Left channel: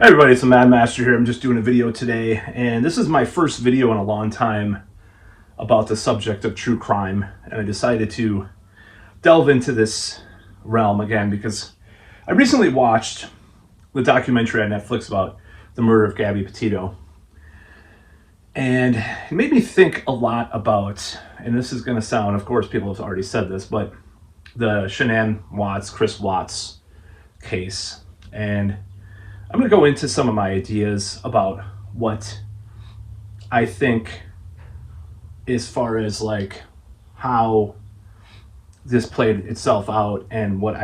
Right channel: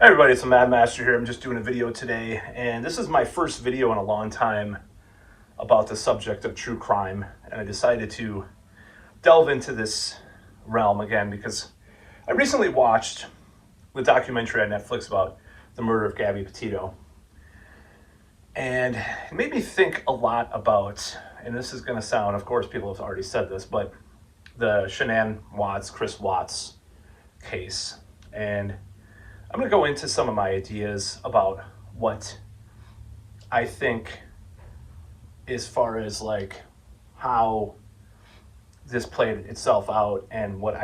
Hey everybody, it's the Mad Master here. I'm just doing a video today, and this is my first video in a long time about the subject of true crime. And I decided to delve into this realm again because I recently watched the documentary on Netflix about the murder of Gabby Petito. And it made me think a lot about, and this is going to sound, of course, people have already said this, but the Shanann Watts, Chris Watts case. And I'm going to go into some of my ideas about what I think as far as like how this played itself out and what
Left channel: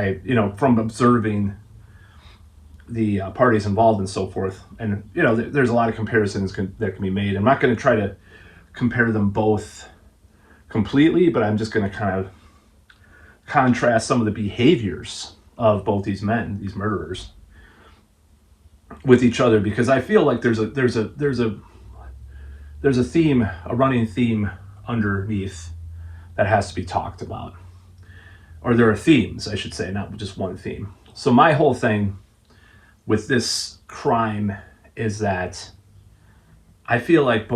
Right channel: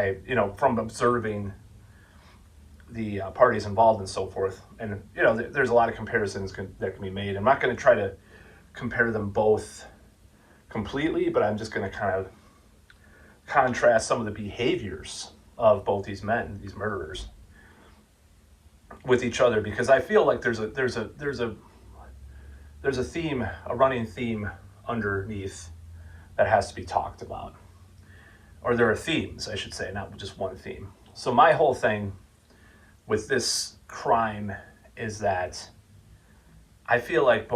from observing the parties involved and so forth. And, there's a lot of comparisons that can be made. I'm not going to try to compare them both completely, but I'm just going to kind of contrast some of the behaviors of both these men, these murderers, with each other, because I feel like there's a theme, a running theme underneath that has to be talked about. Or there are themes, I should say, not just one theme. So my whole thing with this crime is that I feel like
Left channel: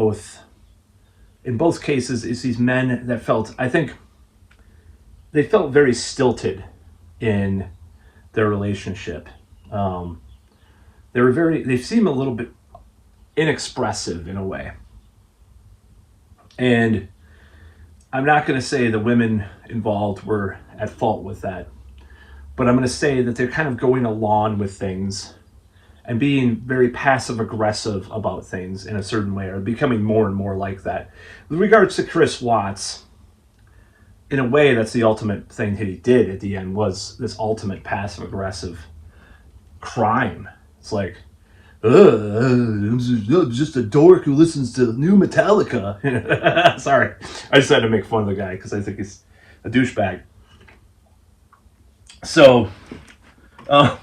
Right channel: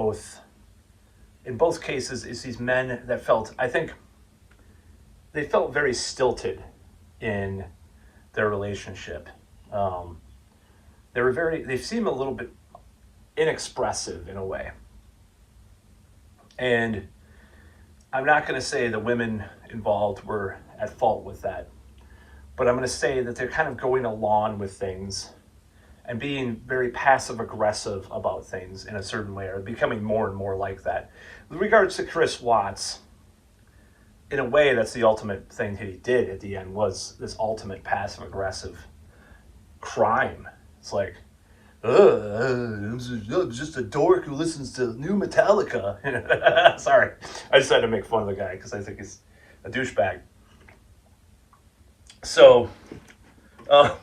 in both cases, it's these men that I think they felt very stilted in their relationship. They seem a little bit inexpressive in a way. And I'm not going to say the women involved were at fault with that, but I'm going to say that they're kind of going along with things and being very passive aggressive about things in a certain way, or becoming more and more like that. With regards to Chris Watts, in a way, that's the ultimate thing that he did at the end, was this ultimate passive aggressive crime. It's like, I'm just a dork who listens to new Metallica. Sorry, I just had to make fun of the guy because I think he's a douchebag. So, uh,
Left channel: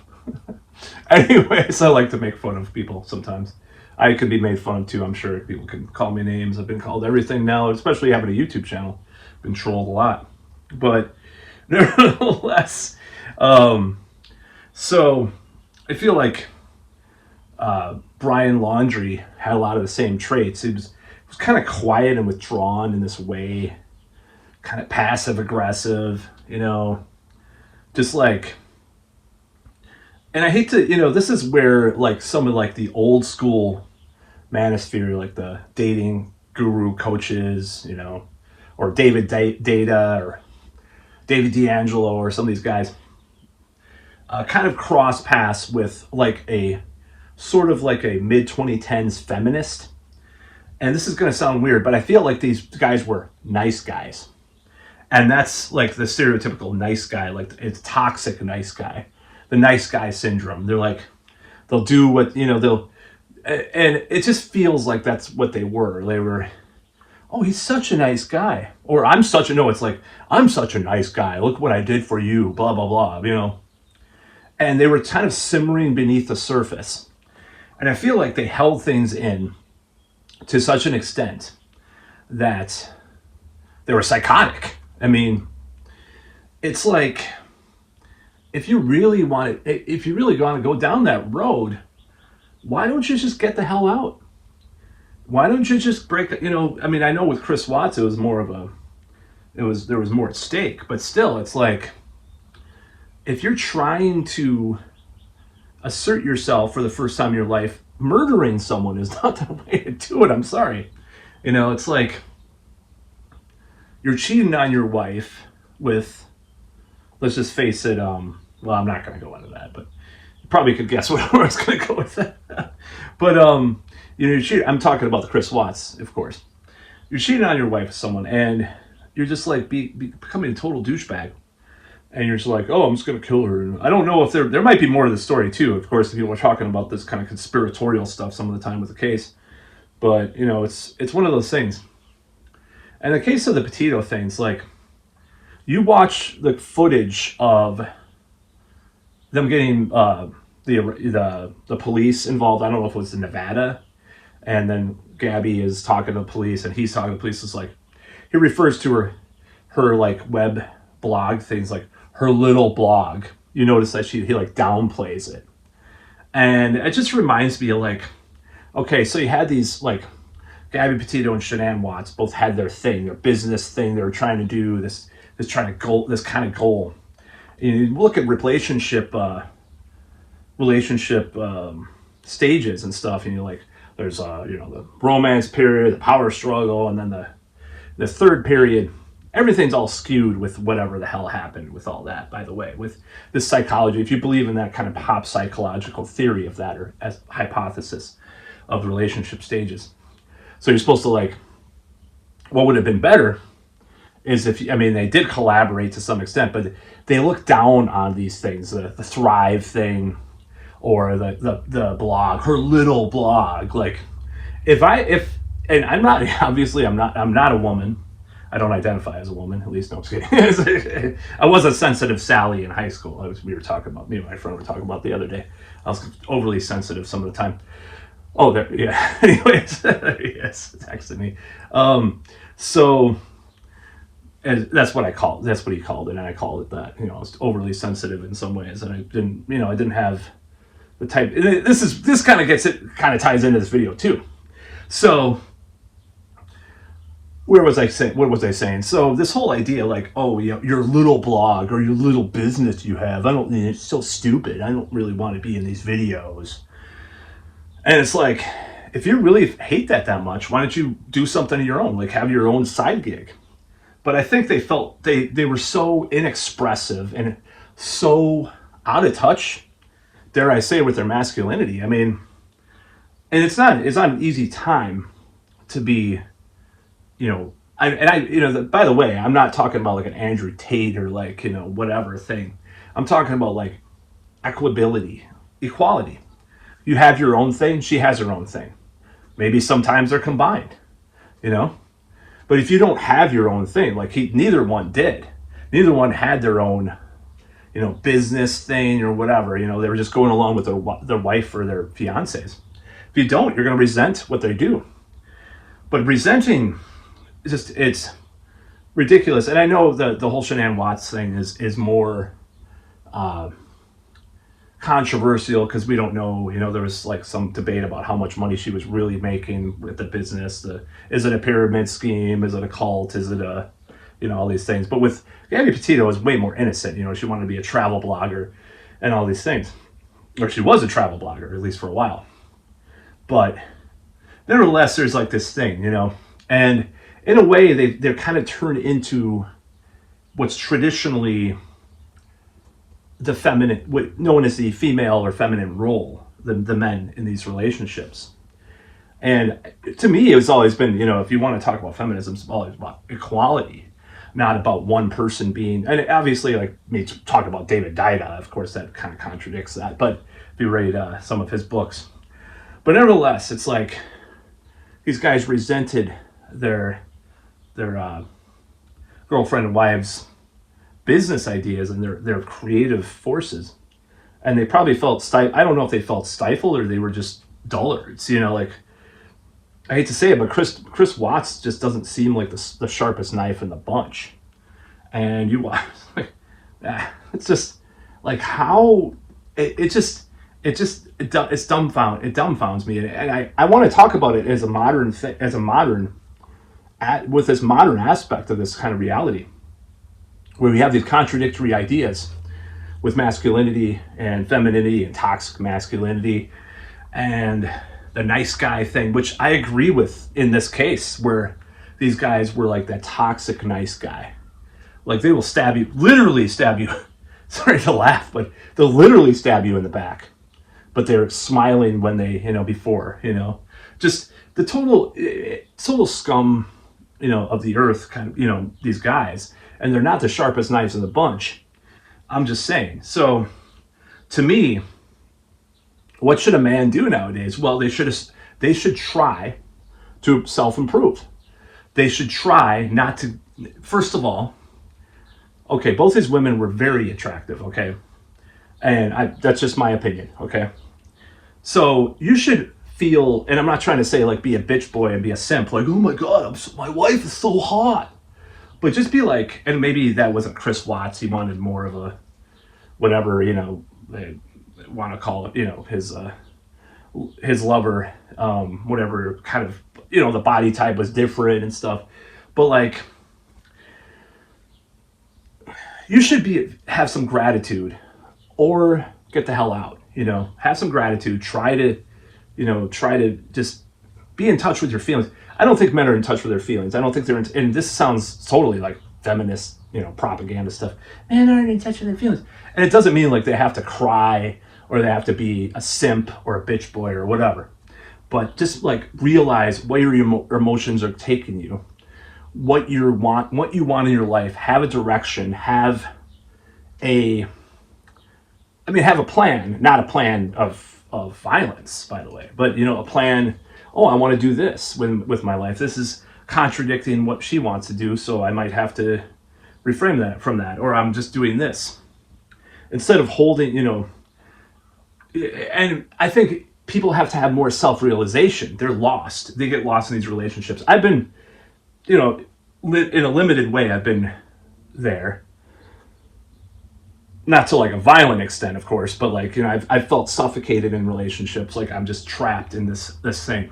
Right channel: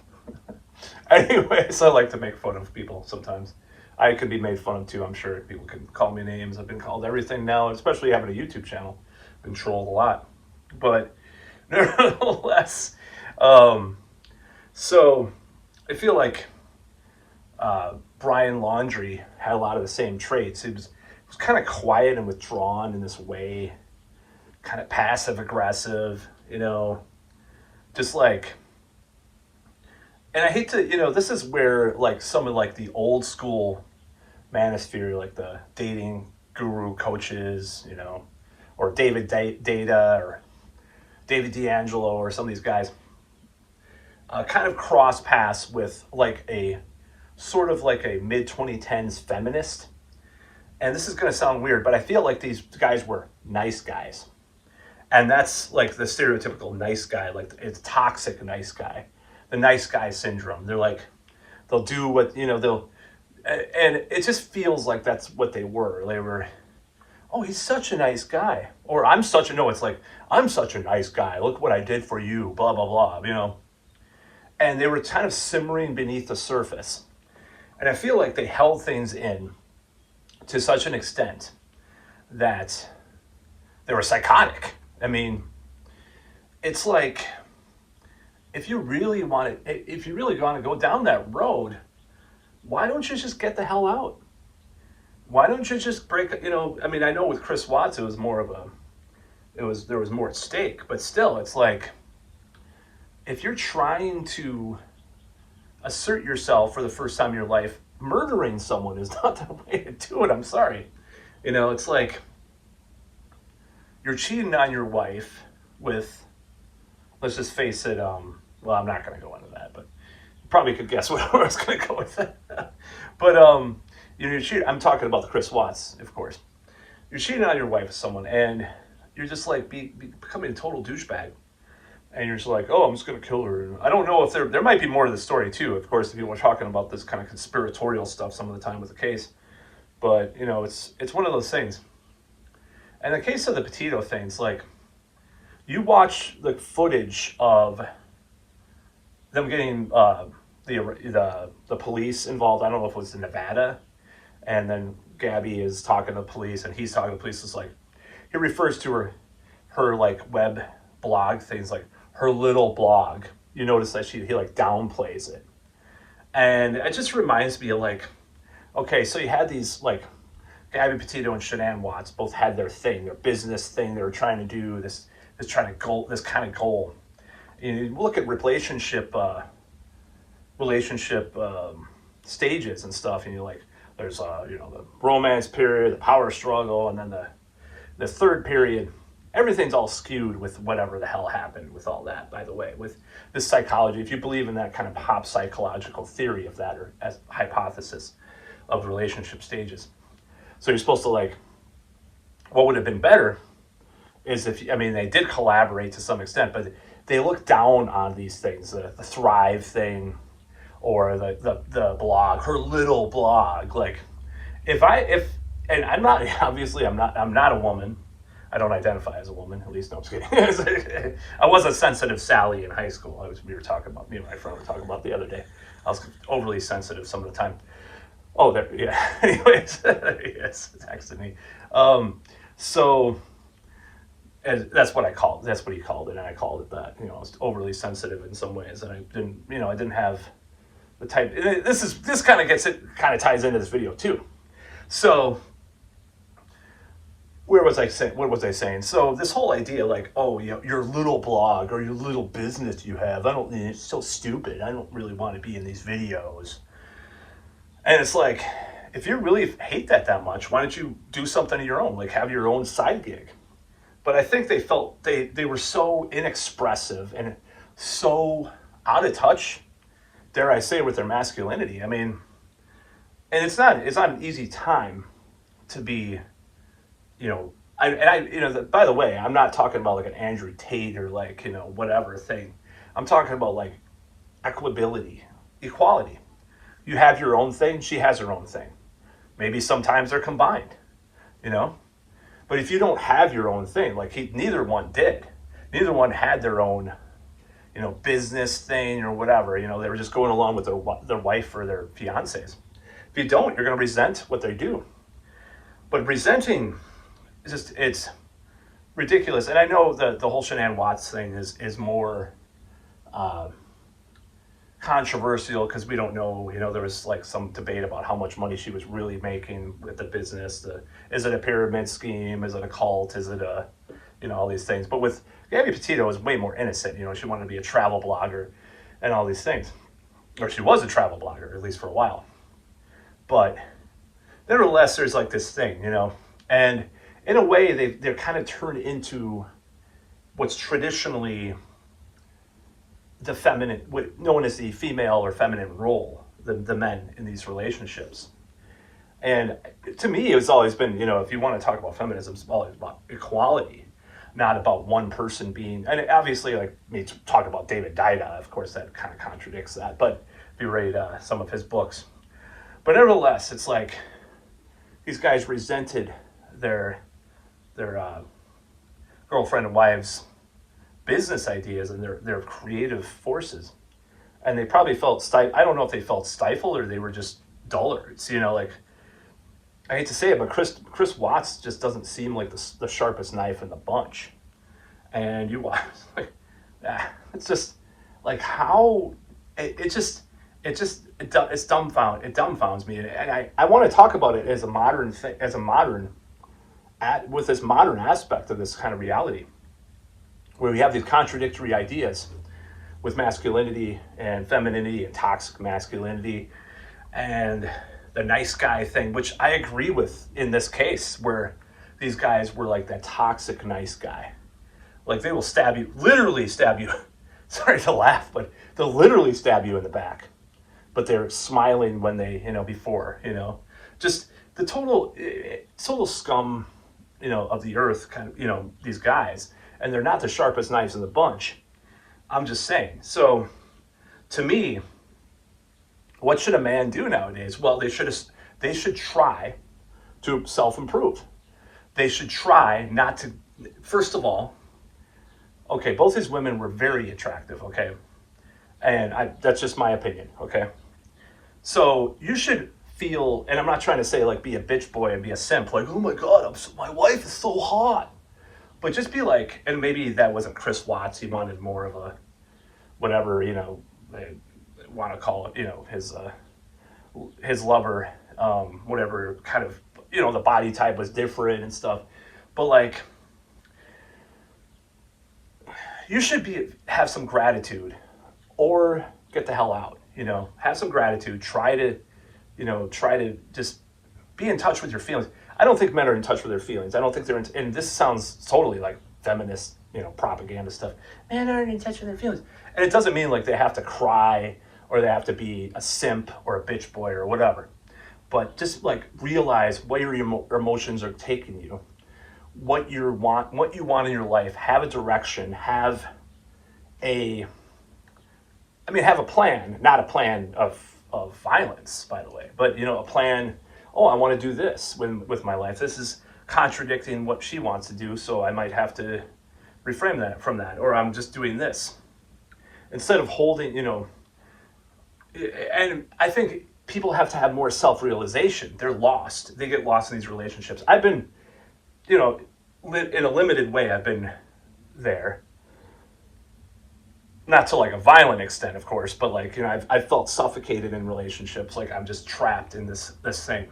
anyways, I like to make fun of people sometimes. I could be made fun of too. I'm sure people can call me names. I've been called everything now, especially having a YouTube channel. Been trolled a lot, but nevertheless, so I feel like Brian Laundrie had a lot of the same traits. He was kind of quiet and withdrawn in this way, kind of passive aggressive, just like. And I hate to, this is where like some of like the old school manosphere, like the dating guru coaches, or David Data or David D'Angelo or some of these guys, kind of cross paths with like a sort of like a mid 2010s feminist. And this is going to sound weird, but I feel like these guys were nice guys. And that's like the stereotypical nice guy, like it's toxic nice guy, the nice guy syndrome. They're like, they'll do what, and it just feels like that's what they were. They were, oh, he's such a nice guy. Or it's like, I'm such a nice guy. Look what I did for you, blah, blah, blah, And they were kind of simmering beneath the surface. And I feel like they held things in to such an extent that they were psychotic. I mean, it's like, if you really want to go down that road, why don't you just get the hell out? Why don't you just break, I mean, I know with Chris Watts, there was more at stake, but still, it's like, if you're trying to assert yourself for the first time in your life, murdering someone is not the way to do it. I'm sorry. It's like you're cheating on your wife with, let's just face it, well, I'm not going to go into that, but you probably could guess where I was going to go with that. But, you're cheating. I'm talking about the Chris Watts, of course. You're cheating on your wife with someone, and you're just like becoming a total douchebag. And you're just like, oh, I'm just going to kill her. And I don't know if there might be more to the story, too. Of course, if people are talking about this kind of conspiratorial stuff some of the time with the case. But, it's one of those things. And the case of the Petito things, like, you watch the footage of them getting the police involved. I don't know if it was in Nevada. And then Gabby is talking to the police, and he's talking to the police. It's like, he refers to her like web blog things, like her little blog. You notice that he like downplays it. And it just reminds me of like, okay, so you had these like Gabby Petito and Shanann Watts both had their thing, their business thing. They were trying to do this kind of goal. And you look at relationship stages and stuff, and you're like, there's the romance period, the power struggle, and then the third period. Everything's all skewed with whatever the hell happened with all that, by the way, with this psychology. If you believe in that kind of pop psychological theory of that, or as hypothesis of relationship stages. So you're supposed to like, what would have been better is if, I mean, they did collaborate to some extent, but they look down on these things, the Thrive thing, or the blog, her little blog. Like, and I'm not, obviously I'm not a woman. I don't identify as a woman, at least. No, I'm just kidding. I was a sensitive Sally in high school. Me and my friend were talking about the other day. I was overly sensitive some of the time. Oh, there, yeah. Anyways, yes, texted me. So, and that's what he called it, and I called it that. I was overly sensitive in some ways, and I didn't have the type. This kind of ties into this video too. So, what was I saying? So this whole idea, like, oh, your little blog or your little business you have, it's so stupid. I don't really want to be in these videos. And it's like, if you really hate that much, why don't you do something of your own? Like, have your own side gig. But I think they felt they were so inexpressive and so out of touch, dare I say, with their masculinity. I mean, and it's not an easy time to be, by the way, I'm not talking about like an Andrew Tate or like, whatever thing. I'm talking about like equability, equality. You have your own thing, she has her own thing. Maybe sometimes they're combined, But if you don't have your own thing, like neither one did. Neither one had their own, business thing or whatever. They were just going along with their wife or their fiancés. If you don't, you're going to resent what they do. But resenting, it's ridiculous. And I know the whole Shanann Watts thing is more controversial because we don't know. There was like some debate about how much money she was really making with the business. Is it a pyramid scheme? Is it a cult? Is it all these things? But with Gabby Petito, it was way more innocent. She wanted to be a travel blogger and all these things. Or she was a travel blogger, at least for a while. But nevertheless, there's like this thing, and in a way they're kind of turned into what's traditionally the feminine, what known as the female or feminine role, the men in these relationships. And to me, it's always been, if you want to talk about feminism, it's always about equality, not about one person being, and obviously, like me talk about David Dida, of course, that kind of contradicts that. But if you read some of his books, but nevertheless, it's like these guys resented their girlfriend and wives' business ideas and their creative forces, and they probably felt I don't know if they felt stifled or they were just dullards. Like, I hate to say it, but Chris Watts just doesn't seem like the sharpest knife in the bunch. And you watch, like, it's just like how it dumbfounds me, and I want to talk about it as a modern thing, with this modern aspect of this kind of reality, where we have these contradictory ideas with masculinity and femininity and toxic masculinity and the nice guy thing, which I agree with in this case, where these guys were like that toxic nice guy. Like, they will literally stab you. Sorry to laugh, but they'll literally stab you in the back. But they're smiling when they, before, just the total scum, of the earth, kind of, these guys. And they're not the sharpest knives in the bunch. I'm just saying. So, to me, what should a man do nowadays? Well, they should try to self-improve. They should try not to, first of all, okay, both his women were very attractive, okay? And that's just my opinion, okay? So you should feel, and I'm not trying to say like be a bitch boy and be a simp, like, oh my God, my wife is so hot. But just be like, and maybe that wasn't Chris Watts, he wanted more of a, whatever, want to call it, his lover, whatever kind of, the body type was different and stuff. But like, you should have some gratitude or get the hell out, have some gratitude, try to just be in touch with your feelings. I don't think men are in touch with their feelings. I don't think and this sounds totally like feminist, propaganda stuff. Men aren't in touch with their feelings. And it doesn't mean like they have to cry or they have to be a simp or a bitch boy or whatever. But just like realize where your emotions are taking you, what you want in your life, have a direction, have a plan, not a plan of violence, by the way, but a plan. Oh, I want to do this with my life. This is contradicting what she wants to do, so I might have to reframe that from that, or I'm just doing this instead of holding, and I think people have to have more self-realization. They're lost. They get lost in these relationships. I've been, in a limited way, I've been there. Not to like a violent extent, of course, but like, I've felt suffocated in relationships. Like I'm just trapped in this thing.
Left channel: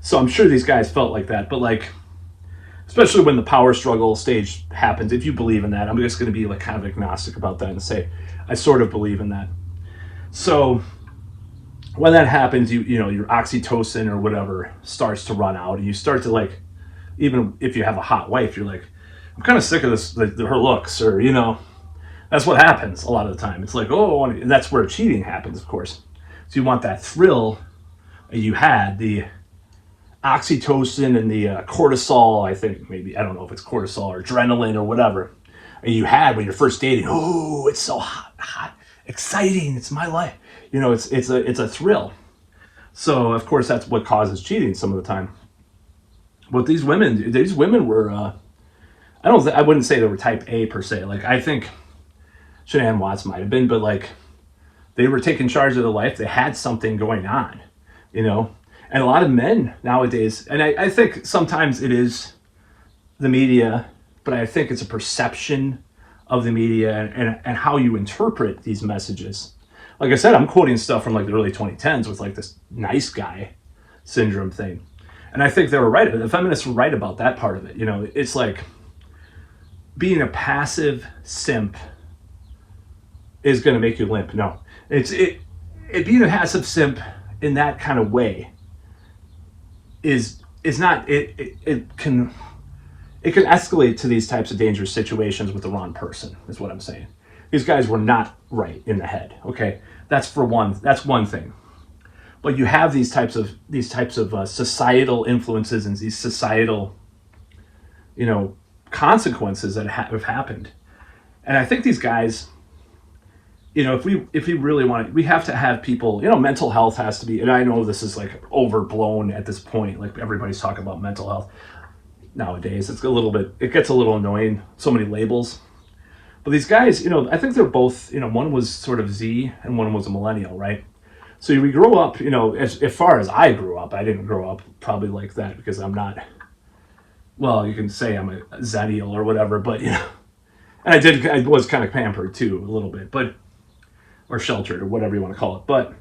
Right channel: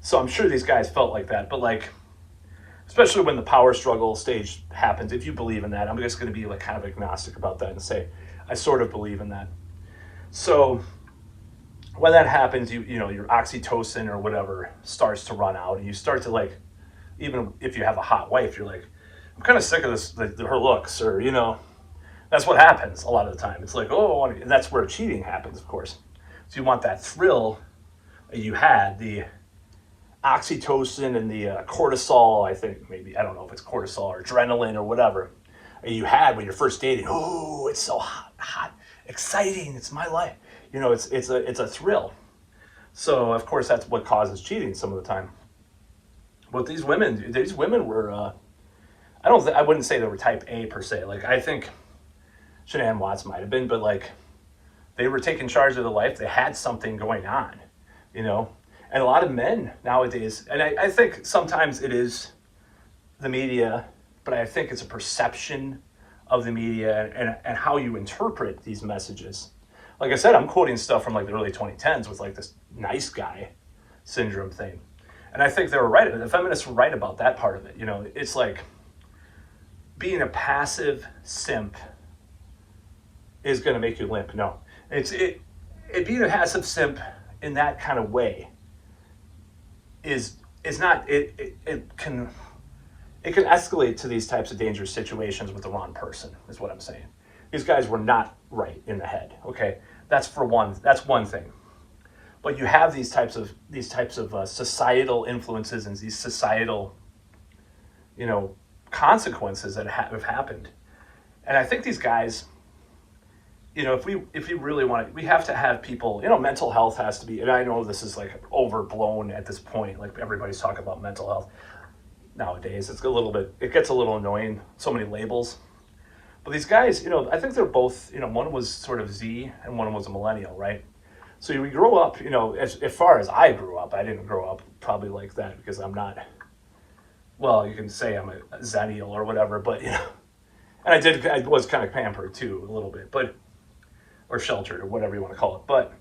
So I'm sure these guys felt like that, but like, especially when the power struggle stage happens, if you believe in that, I'm just going to be like kind of agnostic about that and say, I sort of believe in that. So when that happens, your oxytocin or whatever starts to run out, and you start to like, even if you have a hot wife, you're like, I'm kind of sick of this, her looks, or, that's what happens a lot of the time. It's like, oh, and that's where cheating happens, of course. So you want that thrill that you had, the oxytocin and the cortisol, I think, maybe, I don't know if it's cortisol or adrenaline or whatever, and you had when you're first dating. Oh, it's so hot, exciting, it's my life. It's a thrill. So of course that's what causes cheating some of the time. But these women were, I wouldn't say they were type A per se. Like I think Shanann Watts might have been, but like they were taking charge of their life. They had something going on, and a lot of men nowadays, and I think sometimes it is the media, but I think it's a perception of the media and how you interpret these messages. Like I said, I'm quoting stuff from like the early 2010s with like this nice guy syndrome thing. And I think they were right. The feminists were right about that part of it. It's like being a passive simp is going to make you limp. No, it being a passive simp in that kind of way is not, it can escalate to these types of dangerous situations with the wrong person, is what I'm saying. These guys were not right in the head. Okay. That's one thing. But you have these types of societal influences and these societal, consequences that have happened. And I think these guys, if we really want it, we have to have people, mental health has to be, and I know this is like overblown at this point, like everybody's talking about mental health nowadays. It gets a little annoying, so many labels. But these guys, I think they're both, one was sort of Z and one was a millennial, right? So we grow up, as far as I grew up, I didn't grow up probably like that because I'm not, well, you can say I'm a Zennial or whatever, but, and I was kind of pampered too, a little bit, or sheltered or whatever you want to call it, but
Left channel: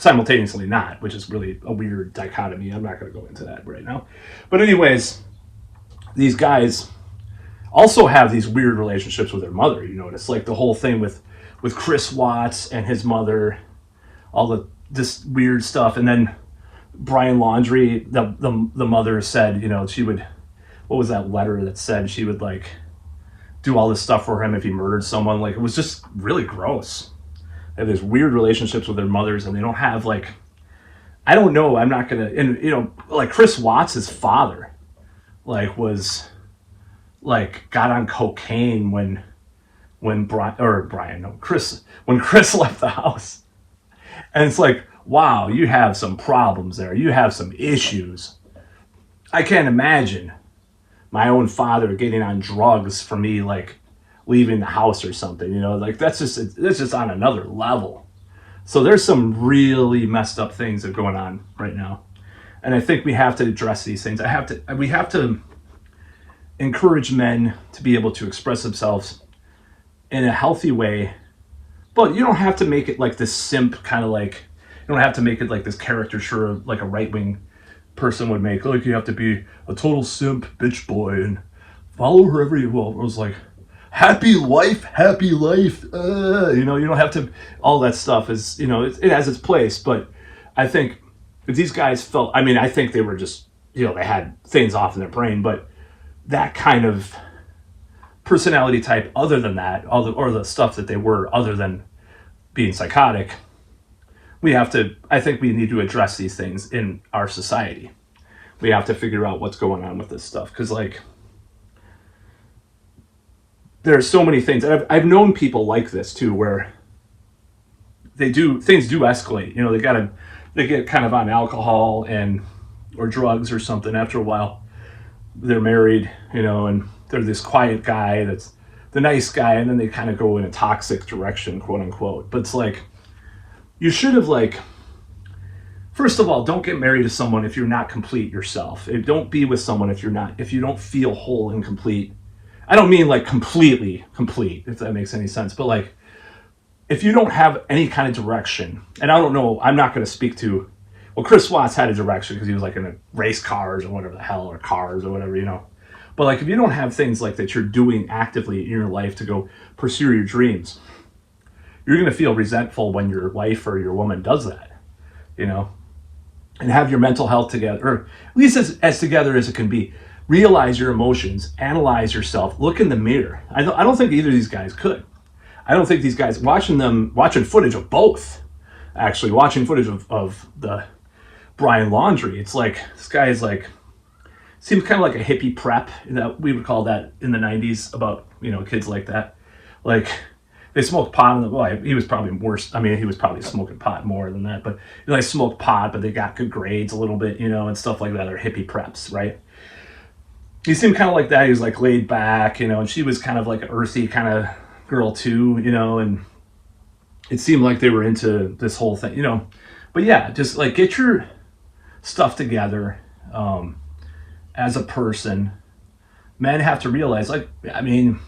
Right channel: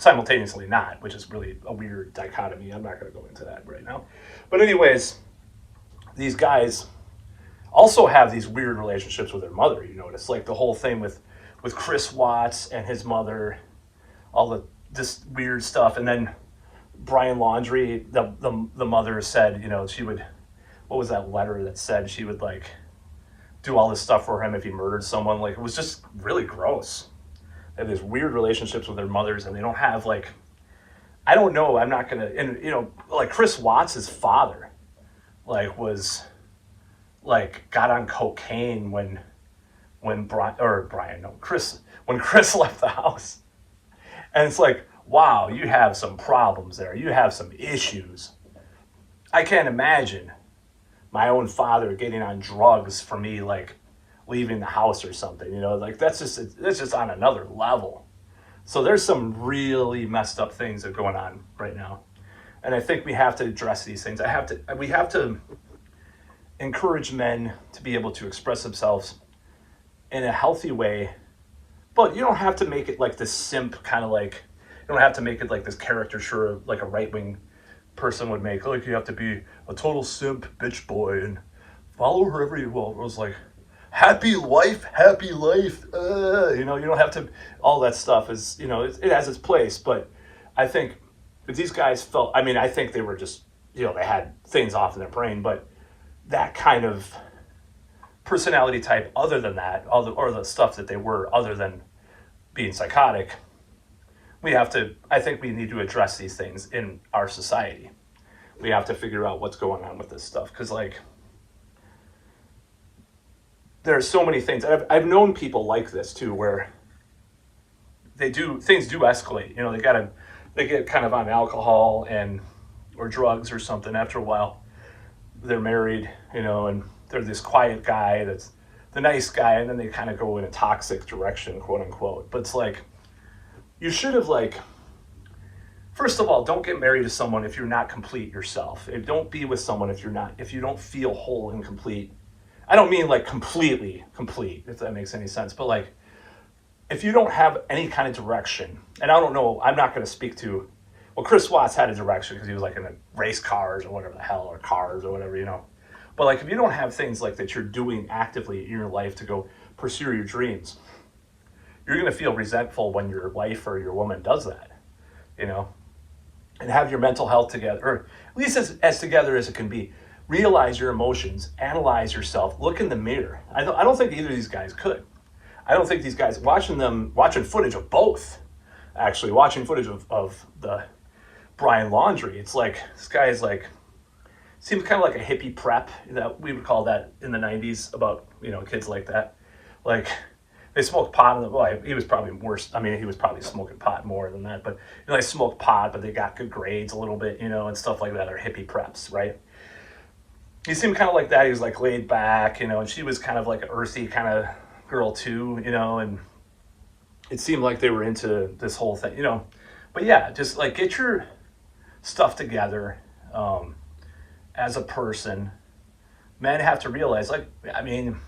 simultaneously not, which is really a weird dichotomy. I'm not going to go into that right now. But anyways, these guys also have these weird relationships with their mother. It's like the whole thing with Chris Watts and his mother, all this weird stuff. And then Brian Laundrie, the mother said, she would, what was that letter that said she would like do all this stuff for him if he murdered someone? Like, it was just really gross. They have these weird relationships with their mothers, and they don't have like, I don't know, I'm not gonna, and like Chris Watts' father, like got on cocaine when Chris left the house. And it's like, wow, you have some problems there. You have some issues. I can't imagine my own father getting on drugs for me, like leaving the house or something, like that's just on another level. So there's some really messed up things that are going on right now. And I think we have to address these things. We have to encourage men to be able to express themselves in a healthy way, But you don't have to make it like this simp kind of like, you don't have to make it like this caricature like a right-wing person would make. Like, you have to be a total simp bitch boy and follow her every, well, it was like, happy life, happy life. You know, you don't have to, all that stuff is, you know, it has its place. But I think if these guys felt, I mean, I think they were just, you know, they had things off in their brain, but that kind of personality type, other than that, or the stuff that they were, other than being psychotic, we have to, I think we need to address these things in our society. We have to figure out what's going on with this stuff. Because, like, there are so many things. I've known people like this too, where things do escalate. You know, they get kind of on alcohol or drugs or something. After a while, they're married, you know, and they're this quiet guy that's the nice guy, and then they kind of go in a toxic direction, quote unquote. But it's like, you should have, like, first of all, don't get married to someone if you're not complete yourself. Don't be with someone if you don't feel whole and complete. I don't mean like completely complete, if that makes any sense, but like, if you don't have any kind of direction, and I don't know, I'm not going to speak to, well, Chris Watts had a direction because he was like in a race cars or whatever the hell, or cars or whatever, you know. But like, if you don't have things like that you're doing actively in your life to go pursue your dreams, you're going to feel resentful when your wife or your woman does that, you know. And have your mental health together, or at least as together as it can be. Realize your emotions, analyze yourself, look in the mirror. I don't think either of these guys could. I don't think these guys, watching footage of both, actually, watching footage of the Brian Laundrie, it's like, this guy is like, seems kind of like a hippie prep, that we would call that in the 90s, about, you know, kids like that. Like, they smoked pot, he was probably worse. I mean, he was probably smoking pot more than that, but, you know, they smoked pot, but they got good grades a little bit, you know, and stuff like that. They're hippie preps, right? He seemed kind of like that. He was like laid back, you know, and she was kind of like an earthy kind of girl too, you know, and it seemed like they were into this whole thing, you know. But yeah, just like, get your stuff together as a person. Men have to realize, like, I mean,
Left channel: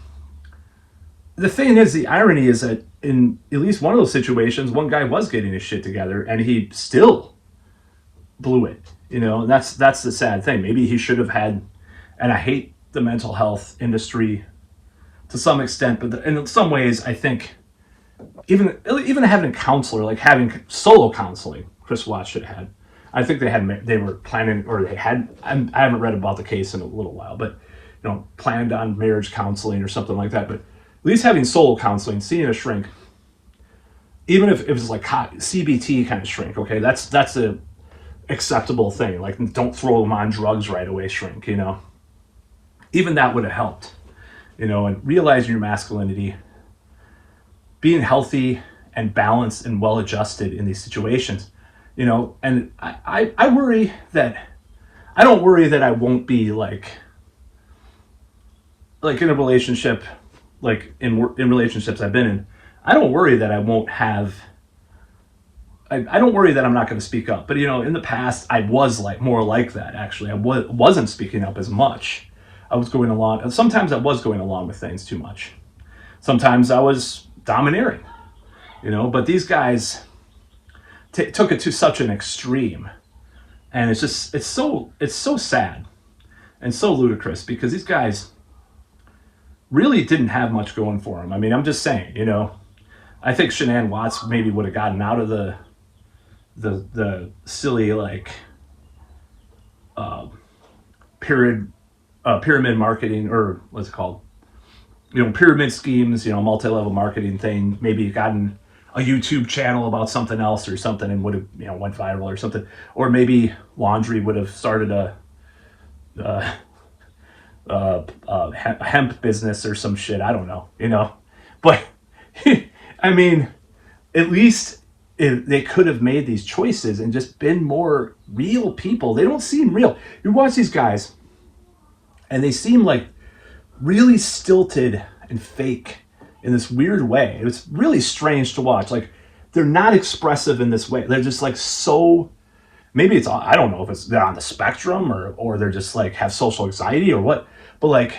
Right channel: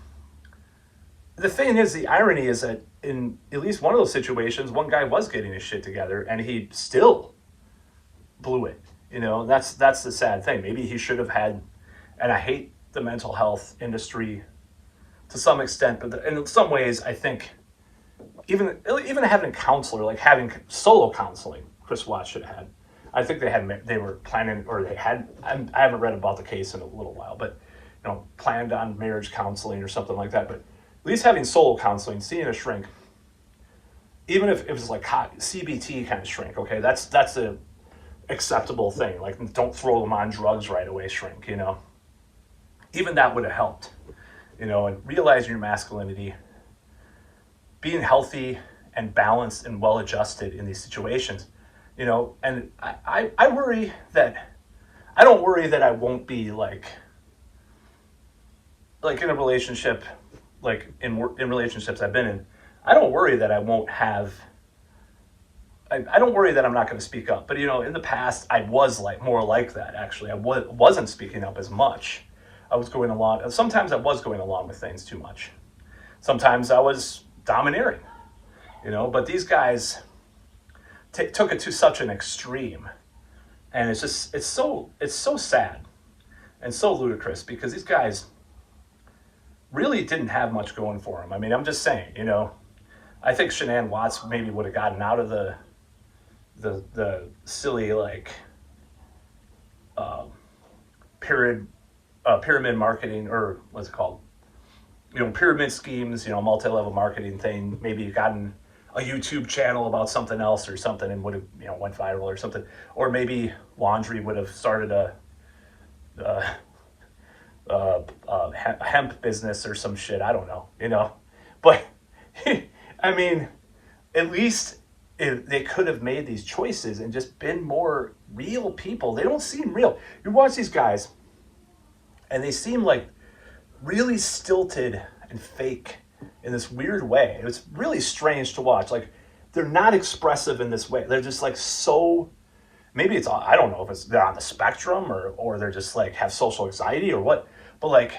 the thing is, the irony is that in at least one of those situations, one guy was getting his shit together and he still blew it, you know. And that's the sad thing. Maybe he should have had, and I hate the mental health industry to some extent, but in some ways, I think even having a counselor, like having solo counseling, Chris Watts should have had. I think they were planning, or they had, I haven't read about the case in a little while, but, you know, planned on marriage counseling or something like that. But at least having solo counseling, seeing a shrink, even if it was like CBT kind of shrink, okay, that's a acceptable thing. Like, don't throw them on drugs right away, shrink, you know. Even that would have helped, you know. And realizing your masculinity, being healthy and balanced and well-adjusted in these situations, you know. And I worry that, I don't worry that I won't be like in a relationship, like in relationships I've been in, I don't worry that I won't have, I don't worry that I'm not going to speak up. But, you know, in the past, I was like more like that, actually. I wasn't speaking up as much. I was going along, sometimes I was going along with things too much. Sometimes I was domineering, you know. But these guys took it to such an extreme. And it's just, it's so sad and so ludicrous, because these guys really didn't have much going for them. I mean, I'm just saying, you know, I think Shanann Watts maybe would have gotten out of the silly, like, pyramid marketing, or what's it called? You know, pyramid schemes, you know, multi-level marketing thing. Maybe gotten a YouTube channel about something else or something and would have, you know, went viral or something. Or maybe Laundrie would have started a hemp business or some shit. I don't know, you know. But I mean, at least they could have made these choices and just been more real people. They don't seem real. You watch these guys and they seem like really stilted and fake in this weird way. It's really strange to watch. Like, they're not expressive in this way. They're just like, so, maybe it's, I don't know if it's they're on the spectrum, or they're just like have social anxiety or what, but like,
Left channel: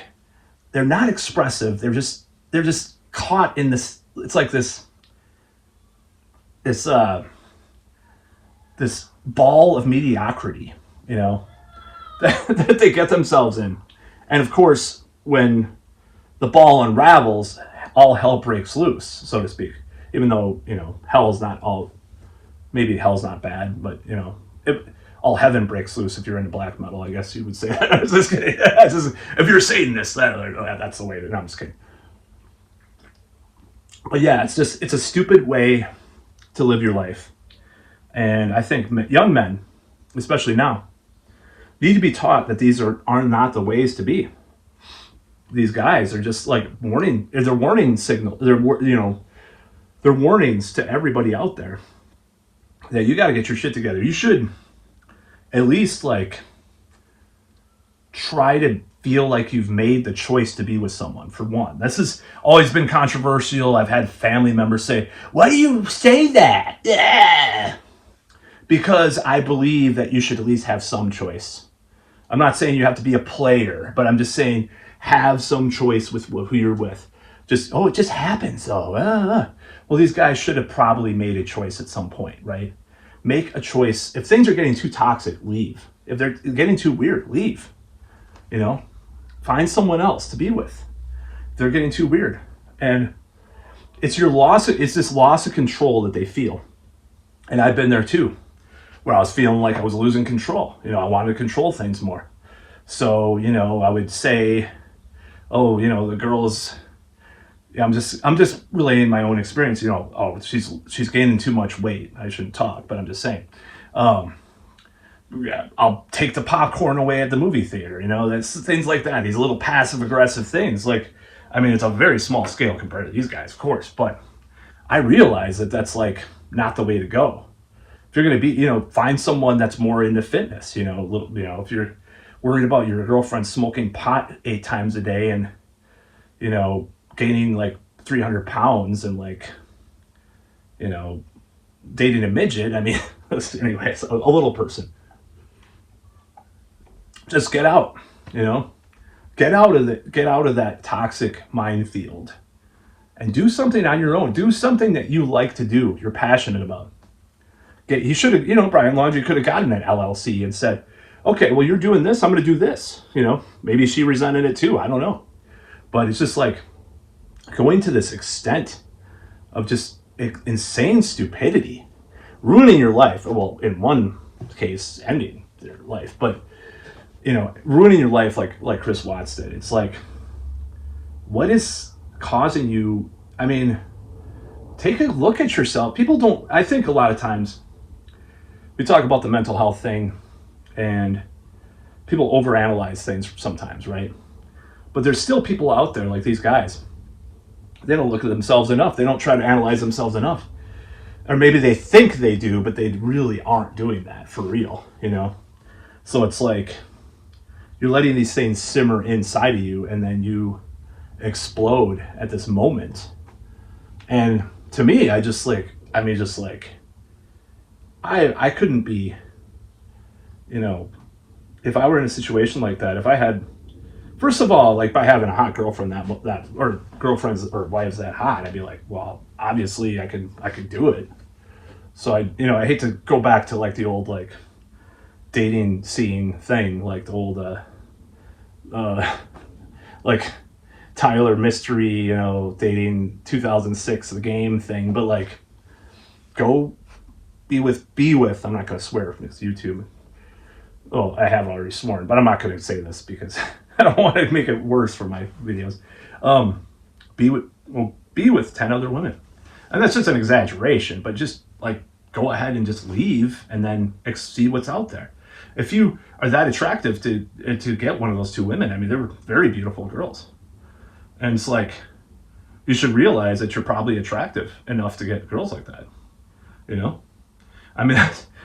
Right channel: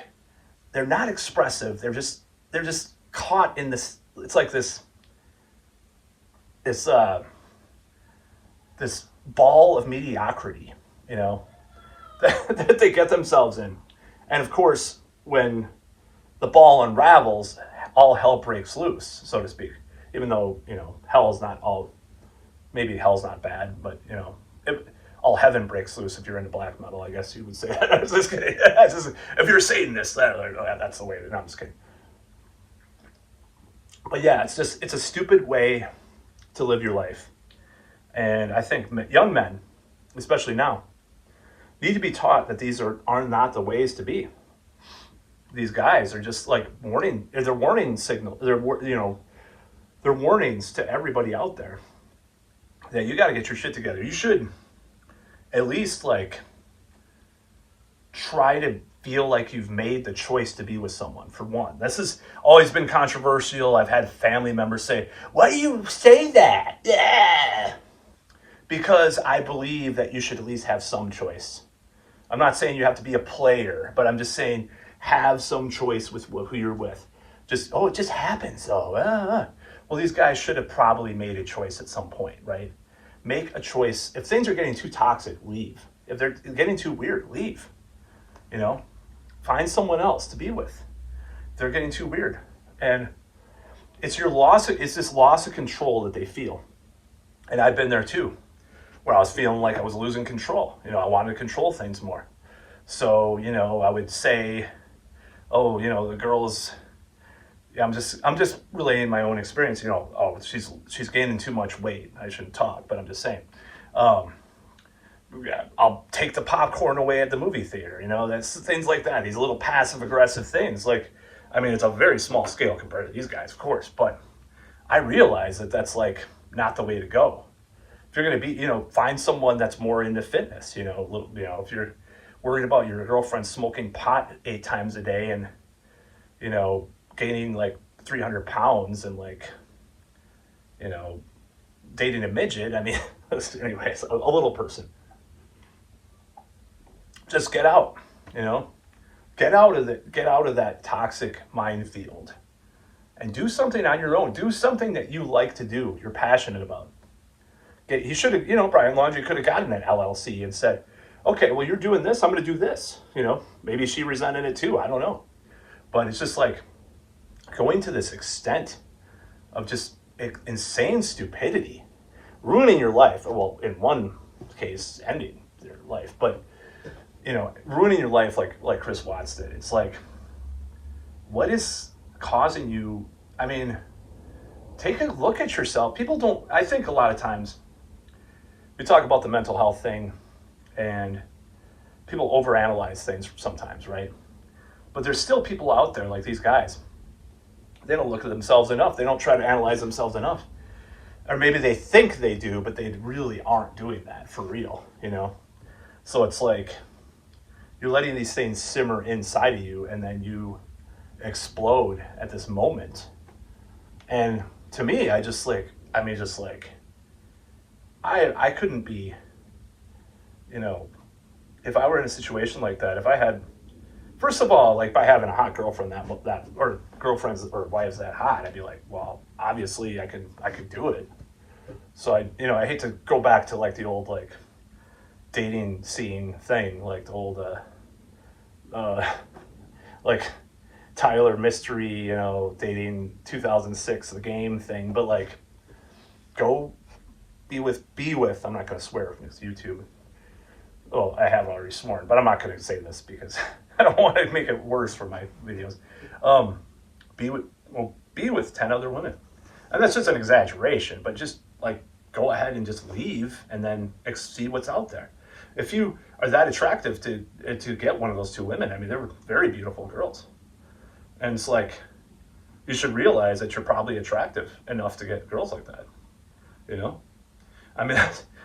they're not expressive. They're just caught in this, it's like this this this ball of mediocrity, you know, that they get themselves in. And of course, when the ball unravels, all hell breaks loose, so to speak. Even though, hell's not all, maybe hell's not bad, but, all heaven breaks loose if you're into black metal, I guess you would say. I was just kidding. If you're Satanist, that's the way to, no, I'm just kidding. But yeah, it's a stupid way to live your life. And I think young men, especially now, need to be taught that these are not the ways to be. These guys are just like they're warning signal. They're warnings to everybody out there that you got to get your shit together. You should at least like try to feel like you've made the choice to be with someone. For one, this has always been controversial. I've had family members say, "Why do you say that?" Yeah. Because I believe that you should at least have some choice. I'm not saying you have to be a player, but I'm just saying have some choice with who you're with. It just happens though. Well, these guys should have probably made a choice at some point, right? Make a choice. If things are getting too toxic, leave. If they're getting too weird, leave. Find someone else to be with. If they're getting too weird. And it's this loss of control that they feel. And I've been there too, where I was feeling like I was losing control. I wanted to control things more. So, I would say, oh, the girls, yeah, I'm just relaying my own experience. Oh, she's gaining too much weight. I shouldn't talk, but I'm just saying. Yeah, I'll take the popcorn away at the movie theater. That's things like that. These little passive aggressive things. It's a very small scale compared to these guys, of course, but I realize that that's like not the way to go. If you're going to be, find someone that's more into fitness, if you're worried about your girlfriend smoking pot 8 times a day and, gaining like 300 pounds and dating a midget. Anyways, a little person. Just get out, get out of that toxic minefield and do something on your own. Do something that you like to do, you're passionate about. He should have, Brian Laundrie could have gotten an LLC and said, okay, well, you're doing this, I'm going to do this. Maybe she resented it too. I don't know. But it's just like going to this extent of just insane stupidity, ruining your life. Well, in one case, ending their life, but ruining your life like Chris Watts did. It's like, what is causing you? Take a look at yourself. I think a lot of times we talk about the mental health thing and people overanalyze things sometimes, right? But there's still people out there like these guys. They don't look at themselves enough. They don't try to analyze themselves enough. Or maybe they think they do, but they really aren't doing that for real, So it's like you're letting these things simmer inside of you and then you explode at this moment. And to me, I couldn't be, if I were in a situation like that, if I had, first of all, like by having a hot girlfriend that or girlfriends or wives that hot, I'd be like, well, obviously I can do it. So I hate to go back to like the old like dating scene thing, like the old like Tyler Mystery, dating 2006 the game thing, but like go be with I'm not going to swear because YouTube. Oh, I have already sworn, but I'm not going to say this because I don't want to make it worse for my videos. Be with 10 other women. And that's just an exaggeration, but just like go ahead and just leave and then see what's out there. If you are that attractive to get one of those 2 women, they were very beautiful girls. And it's like, you should realize that you're probably attractive enough to get girls like that.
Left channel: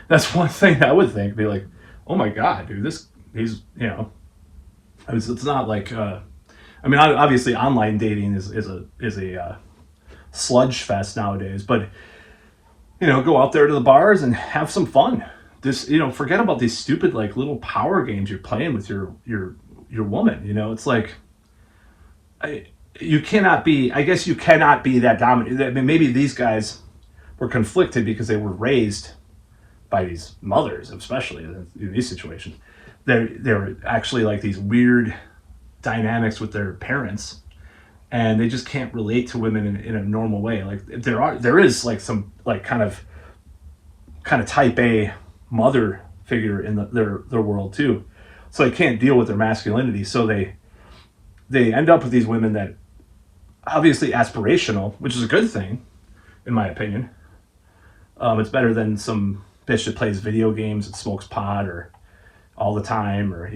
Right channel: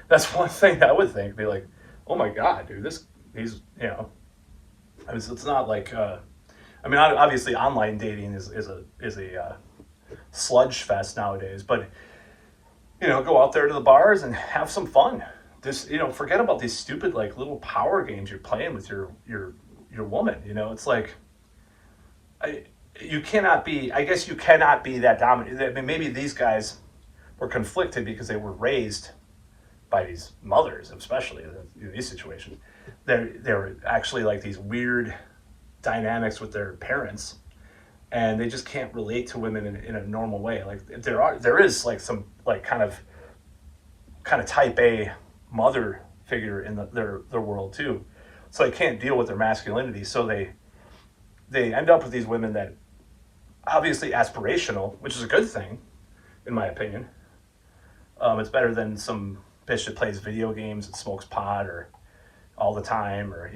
That's one thing I would think. Be like, oh my God, dude, he's it's not like, obviously online dating is a sludge fest nowadays, but, go out there to the bars and have some fun. Just, forget about these stupid, like little power games you're playing with your woman. It's like, you cannot be that dominant. Maybe these guys, were conflicted because they were raised by these mothers, especially in these situations. They're actually like these weird dynamics with their parents, and they just can't relate to women in a normal way. Like there is like some like kind of type A mother figure in their world too, so they can't deal with their masculinity. So they end up with these women that obviously aspirational, which is a good thing in my opinion. It's better than some bitch that plays video games and smokes pot or all the time, or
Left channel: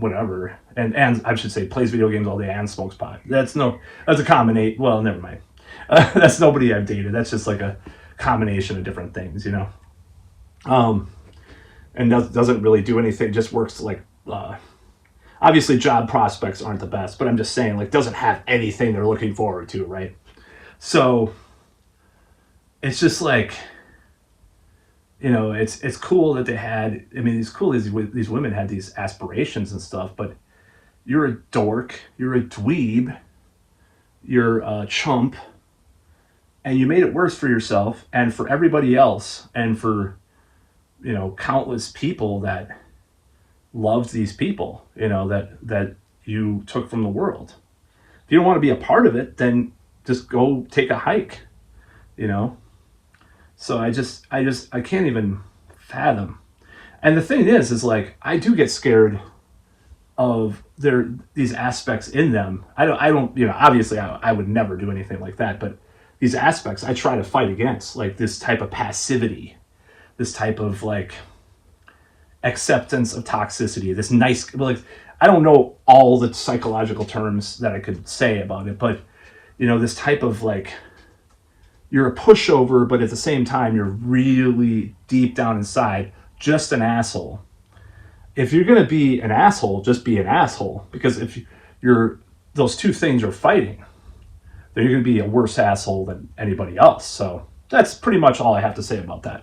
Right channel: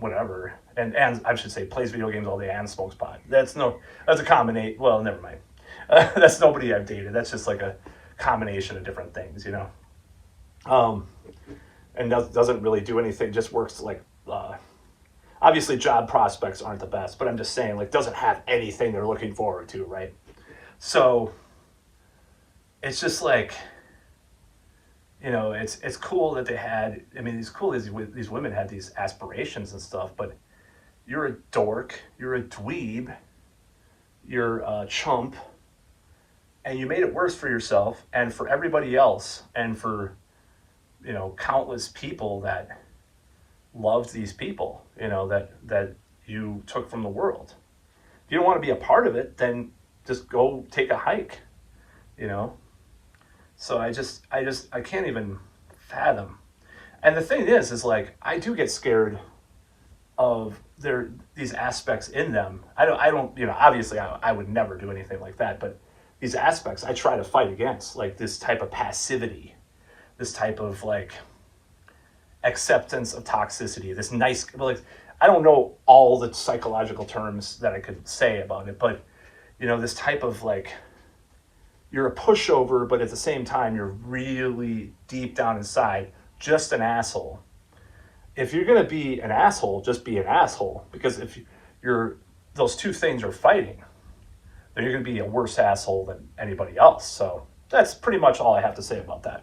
whatever. And I should say plays video games all day and smokes pot. That's a combination. Well, never mind. That's nobody I've dated. That's just like a combination of different things, and doesn't really do anything. Just works like obviously job prospects aren't the best, but I'm just saying like doesn't have anything they're looking forward to, right? So it's just like, it's cool that they had, it's cool these women had these aspirations and stuff, but you're a dork, you're a dweeb, you're a chump, and you made it worse for yourself and for everybody else, and for, countless people that loved these people, that you took from the world. If you don't want to be a part of it, then just go take a hike, So I can't even fathom. And the thing is like, I do get scared of these aspects in them. I don't, obviously I would never do anything like that, but these aspects I try to fight against, like this type of passivity, this type of like acceptance of toxicity, this nice, like, I don't know all the psychological terms that I could say about it, but this type of like, you're a pushover, but at the same time, you're really deep down inside just an asshole. If you're going to be an asshole, just be an asshole. Because if those two things are fighting, then you're going to be a worse asshole than anybody else. So that's pretty much all I have to say about that.